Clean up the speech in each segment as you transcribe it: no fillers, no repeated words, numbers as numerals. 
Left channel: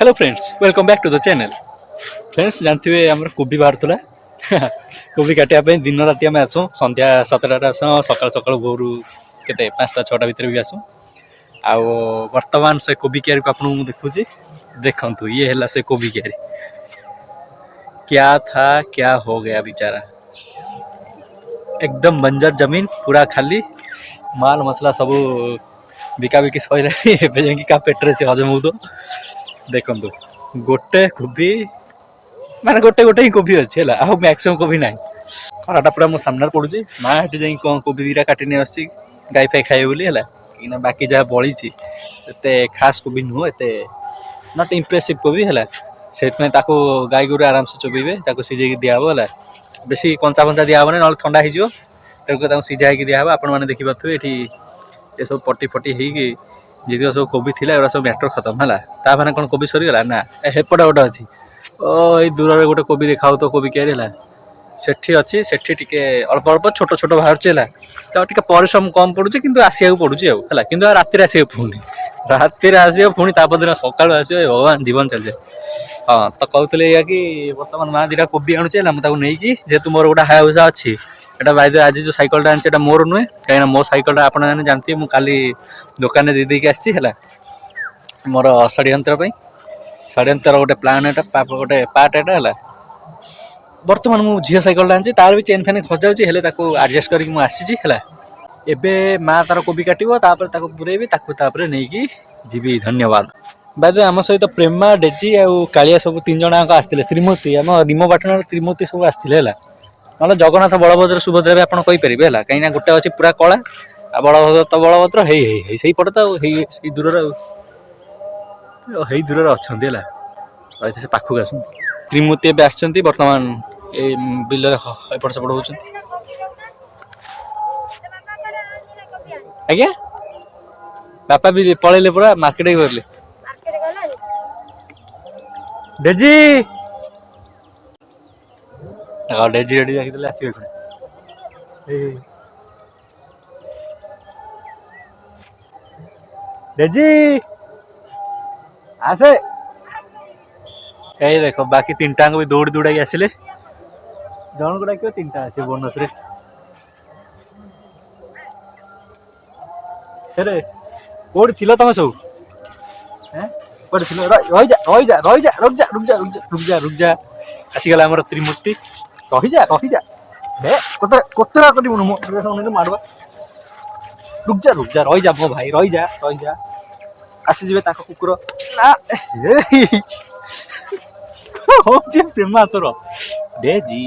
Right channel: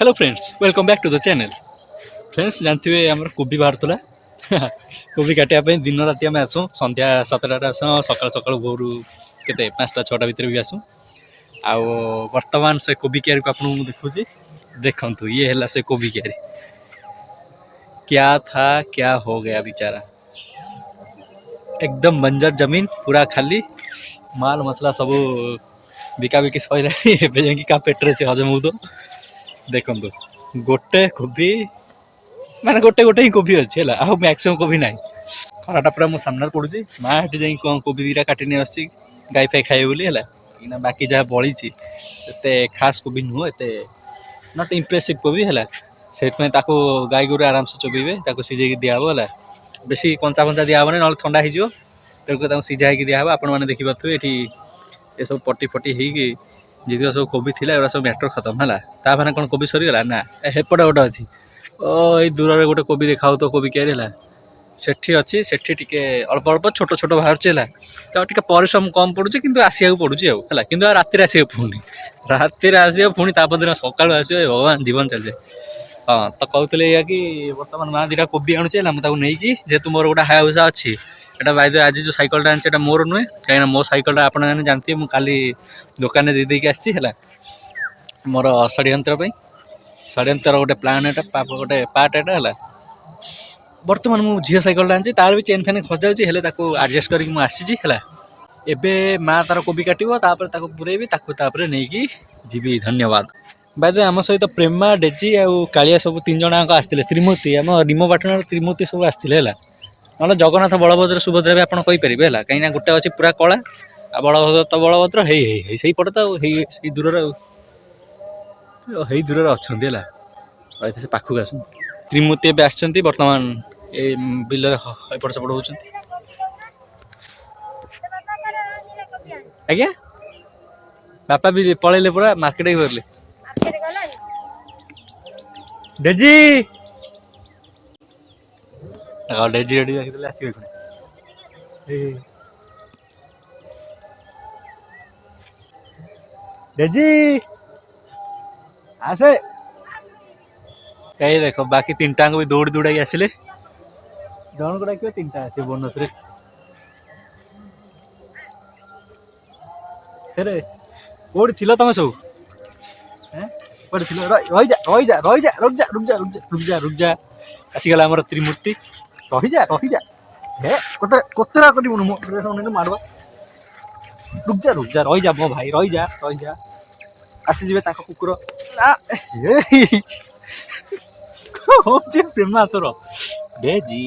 Hello friends welcome back to the channel. Friends जानते हुए आम कोबी बाहर कोबी काटापी दिन राति आम आसू संध्या 7टार आस सका सका भोर के 5टा 6टा भितर भी आसू आउ बर्तमान से कोबी क्यारी को आपको देखुची देखु ये है से कोबी क्यारी क्या था क्या हो गया बेचारा एकदम बंजर जमीन पूरा खाली माल मसला सब बिकाबिकी सर क्या पेट्रे से हजम हो देखु गोटे कोबी माने गोटे गोटे ही कोबी अच्छी है मैक्सिमम कोबी ना खराटा पूरा मो सामने पड़ुची माँ हेटी जा कोबी दीटा काटी नहीं आसी गाई फाई खाए बोली है बाकी जहाँ बड़ी एते खास कोबी नुह एत नट इम्प्रेसिव कोबी है से गाई गोरु आराम से चोबे सीझे दिहब है बेसी कंचा फंचा दिहबनी ना ठंडा हो सीझा दिहब आपण मैंने देखिपे ये सब पटी फटी होगी जी सब कोबी थी सब मैटर खत्म है ताने कौन कोबी सरीगला ना हेपटा गोटे अच्छी ये दूर गोटे कोबी देखा तो कोबी क्यारी है सेठी अच्छी सेठी टिके अल्प अल्प छोट छोट बाहर तो टिके परिश्रम कम पड़ुचे किंतु आसिया पड़ुचे है कि राति आस पुणी राति आस पुणी तापदिन सकाल आस भगवान जीवन चलते हाँ तो कहते या कि बर्तमान माँ दीटा कोबी आणुचे मुझे नहीं जेहतु मोर गोटे हाउसा अच्छी एटा बाय आज जो साइकलटा आनी मोर नुहे कहीं मो साइकलटा आप जानते मुझे काली दुकान दे देकी आसी मोर षड्यंत्र षड्यंत्र गोटे प्लान एटा गोटे पार्ट एटा है बर्तमान मु झील साइकल आनी तार भी चेन फैन खस जाऊँगी आडजस्ट करके मुझे एबे माँ तार कोबी काटो पुरेबी नहीं जीवी धन्यवाद बाय आम सहित प्रेमा डेजी आउ कालिया सब 3 जन आसते त्रिमूर्ति आम निम पाटन त्रिमूर्ति सब आसते ना जगन्नाथ बलभद्र सुभद्रा भी आपड़ कहींपर है कहीं गोटे अच्छी पूरा कला बलभद्र तो बलभद्र है पटे तो दूर अच्छा से पाखक आस त्रिमूर्ति ए आसती बर्तमान ये बिल एपट सेपट हो आज्ञा बापा भी पलैले पूरा मार्केट गले डेजी डेजी रेडी रखिले आसवे डेजी आसे देख बाकी 3टा भी दौड़ी दौड़ा आसिले जन को डाक 3टा आस बोनस कौट थी तुम सब रुक जा आसीगला आम त्रिमूर्ति रहीजा हे कोतरा कर मारवा रुक जा रहीजा मो भाई रहीजा आसीजे कुकुर प्रेमा तोर डेजी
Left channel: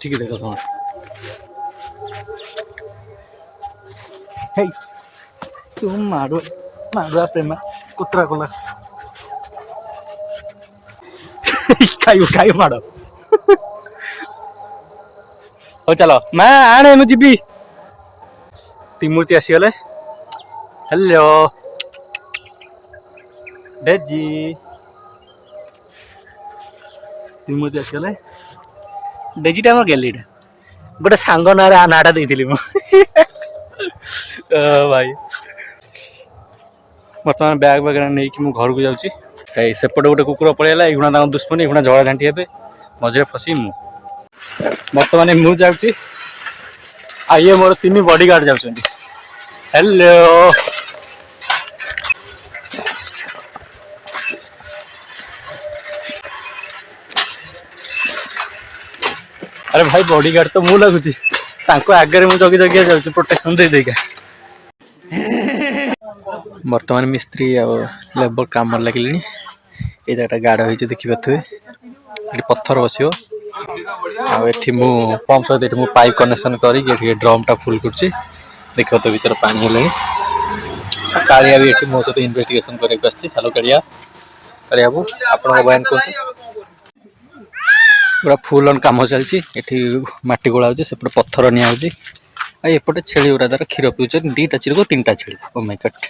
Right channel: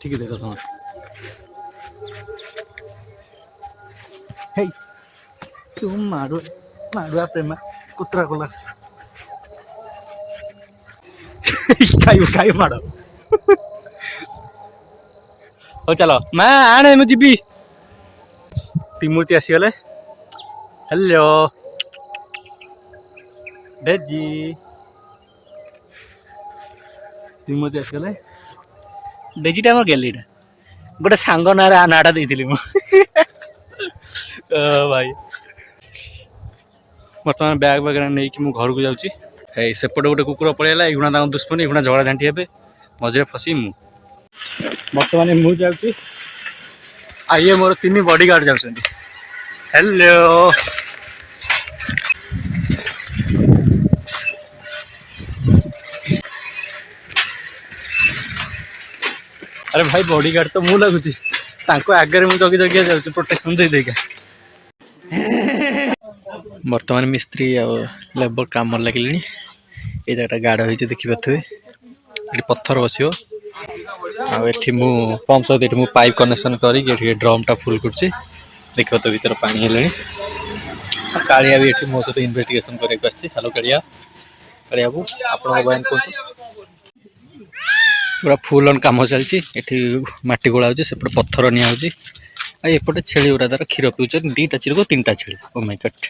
ठीक है देखो तुम मारुआ प्रेमा कुतरा कला खाई माड़ हो चलो माँ आने मुझे भी त्रिमूर्ति आसीगले हेलो डेजी त्रिमूर्ति आसीगले डेजीटा आम गैलीटा गोटे सांग ना नाटा देती भाई बर्तमान बैग वगैरह नहीं कि घर को जाऊँगी सेपटे गोटे कुकुर पलैला एगुणा दुश्मनी एगुणा झगड़ा झांटी हे मझे फसी बर्तमान मु जाऊँगी ये मोर 3 बॉडीगार्ड जाऊँ हेलो अरे भाई बॉडीगार्ड तो मु लगुच आगे मुझे जगी जगी जाऊँ प्रोटेक्शन दे देगा बर्तमान मिस्त्री लेबर काम लगे ये जगह गाढ़ हो देखिपे ये पत्थर बस पंप सहित पाइप कनेक्शन करके ड्रम टा फुल कर देखिए तो भर पानी है कालिया भी मो सहित इन्वेस्टिगेशन करके हेलो कालिया कालिया बाबू आप बयान कर पूरा फुल ऑन काम चलती मटी गोला से पत्थर निपटे छेली गुरा द्वारा क्षीर पीछे 2टा चिरको 3टा छेली ओ माय गॉड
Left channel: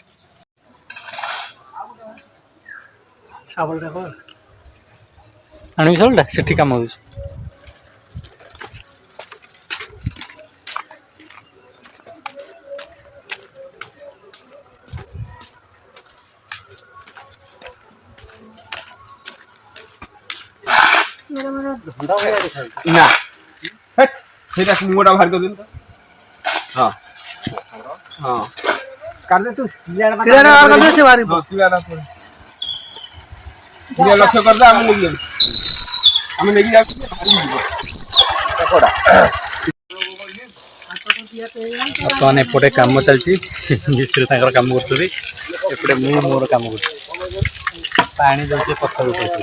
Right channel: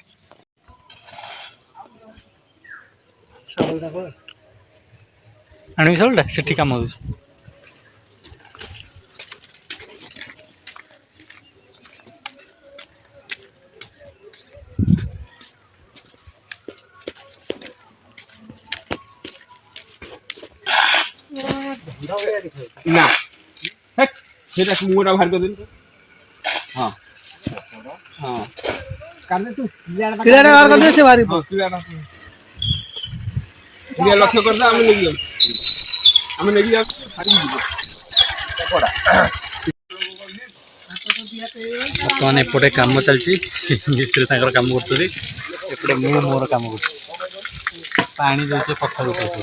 आनी सालटा से काम हो ନା ସେଇଟା ମୁହଁଟା ବାହାର କରିଦେଲି ତ ହଁ ହଁ କାଢି ତୁ କିଲାଟା ବାହାର କରିଦେ ସେ ବାହାରି କ୍ଲିୟର ଲକ୍ଷ୍ୟ କରିଦେ ଆମେ ନେଇକି ଯାଉଛୁ ଆମେ ନେଇକି ଯାଉଛୁ ବାହାରିକି ଯିବ ବର୍ତ୍ତମାନ ଏପଟେ କାମ ଚାଲିଛି ମିସ୍ତ୍ରୀ ତାଙ୍କର କାମ କରୁଛନ୍ତି ଏପଟେ ମୁଁ ମୋର କାମ କରୁଛି ପାଣି ଦେଉଛି ପଥର ଉଠେଇଛି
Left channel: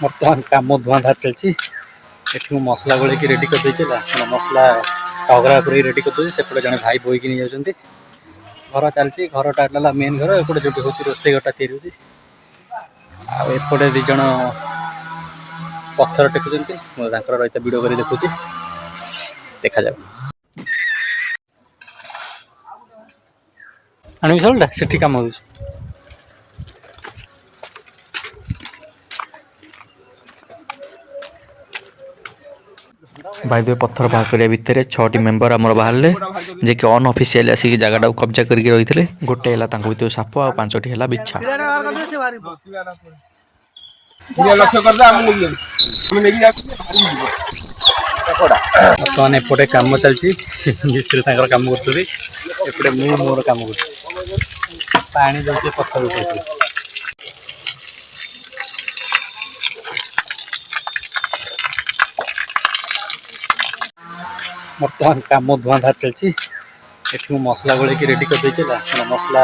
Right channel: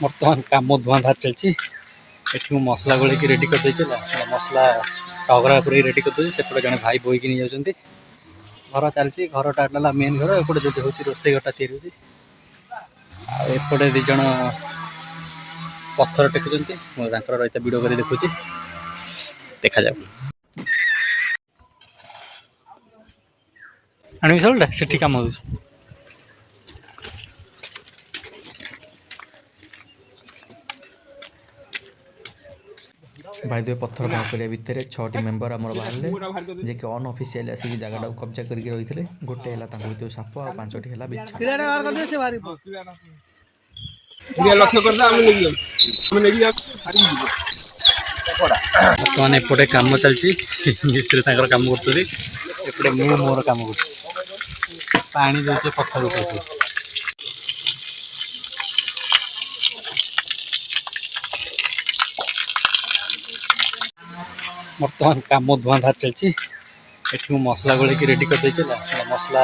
ବର୍ତ୍ତମାନ କାମ ଧୂଆଁଧାର ଚାଲିଛି ଏଠି ମୁଁ ମସଲା ଗୋଳେଇକି ରେଡ଼ି କରିଦେଇଛି ମସଲା ଟଗରା କରି ରେଡ଼ି କରିଦେଉଛି ସେପଟେ ଜଣେ ଭାଇ ବୋହିକି ନେଇଯାଉଛନ୍ତି ଘର ଚାଲିଛି ଘରଟା ହେଲା ମେନ୍ ଘର ଏପଟେ ଯେଉଁଠି ହେଉଛି ରୋଷେଇ ଘରଟା ତିଆରି ହେଉଛି ଆଉ ଏପଟେ ଦୁଇ ଜଣ ପଥର ଟେକୁଛନ୍ତି ମୁଁ ତାଙ୍କର ରହିତା ଭିଡ଼ିଓ କରି ଦେଖୁଛି ଦେଖାଯାଉ ଆଣିବି ସବୁଟା ସେଠି କାମ ହେଉଛି भाई दे पत्थर बाहर करिया भितर 6टी मेंबर आमर बाहरले जे कि अनऑफिशियल आसिक जगह कब्जा करके रही गोटे है भितर साप आ 5टी है बिछा କ୍ଲିୟର ଲକ୍ଷ୍ୟ କରିଦେ ଆମେ ନେଇକି ଯାଉଛୁ ଆମେ ନେଇକି ଯାଉଛୁ ବାହାରିକି ଯିବ ବର୍ତ୍ତମାନ ଏପଟେ କାମ ଚାଲିଛି ମିସ୍ତ୍ରୀ ତାଙ୍କର କାମ କରୁଛନ୍ତି ଏପଟେ ମୁଁ ମୋର କାମ କରୁଛି ପାଣି ଦେଉଛି ପଥର ଉଠେଇଛି ବର୍ତ୍ତମାନ କାମ ଧୂଆଁଧାର ଚାଲିଛି ଏଠି ମୁଁ ମସଲା ଗୋଳେଇକି ରେଡ଼ି କରିଦେଇଛି ମସଲା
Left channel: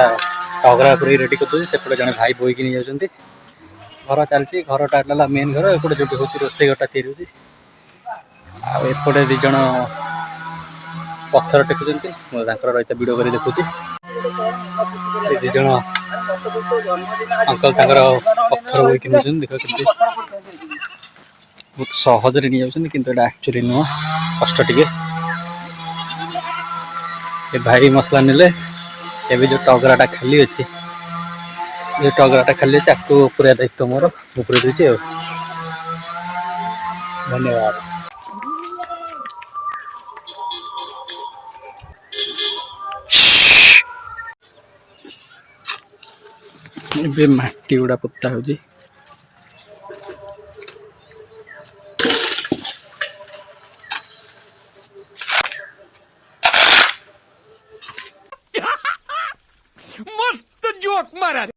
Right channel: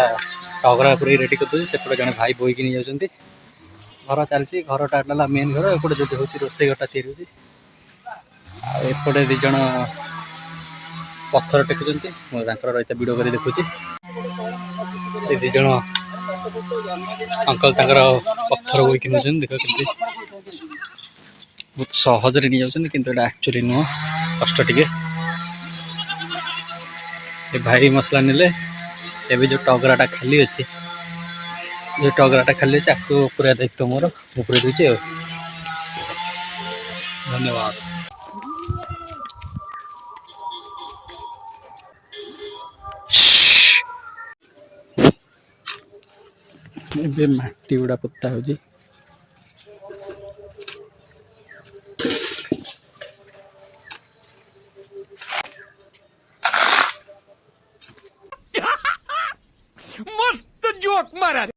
ଟଗରା କରି ରେଡ଼ି କରିଦେଉଛି ସେପଟେ ଜଣେ ଭାଇ ବୋହିକି ନେଇଯାଉଛନ୍ତି ଘର ଚାଲିଛି ଘରଟା ହେଲା ମେନ୍ ଘର ଏପଟେ ଯେଉଁଠି ହେଉଛି ରୋଷେଇ ଘରଟା ତିଆରି ହେଉଛି ଆଉ ଏପଟେ ଦୁଇ ଜଣ ପଥର ଟେକୁଛନ୍ତି ମୁଁ ତାଙ୍କର ରହିତା ଭିଡ଼ିଓ କରି ଦେଖୁଛି ଏ ଦୁଇ ଜଣ ଅଙ୍କଲ ତାଙ୍କର ପଥର ବୋହିକି ନେଉଛନ୍ତି ଦେଖୁଛନ୍ତି ବହୁତ ସହଜରେ ନେଇଯାଉଛନ୍ତି କିନ୍ତୁ ଏଇଟା ଆକ୍ଚୁଆଲି ନୁହଁ କଷ୍ଟ ଟିକେ ଏ ଭାଇ ମସଲା ନେଲେ ଏବେ ଯେଉଁ ଟଗରାଟା ଖାଲି ଅଛି ଯେଉଁ ଟଗରାଟା ଖାଲି ଅଛି ଆକୁ ପୁରା ଦାୟିତ୍ୱ ମୋର ମୁଁ ପୁରେଇ ଦେଇଛି ଆଉ ଧନ୍ୟବାଦ ଏବେ ମାଟି ଗୁଡ଼ା ପୋତା ହେଉଛି मस्त जोक मारा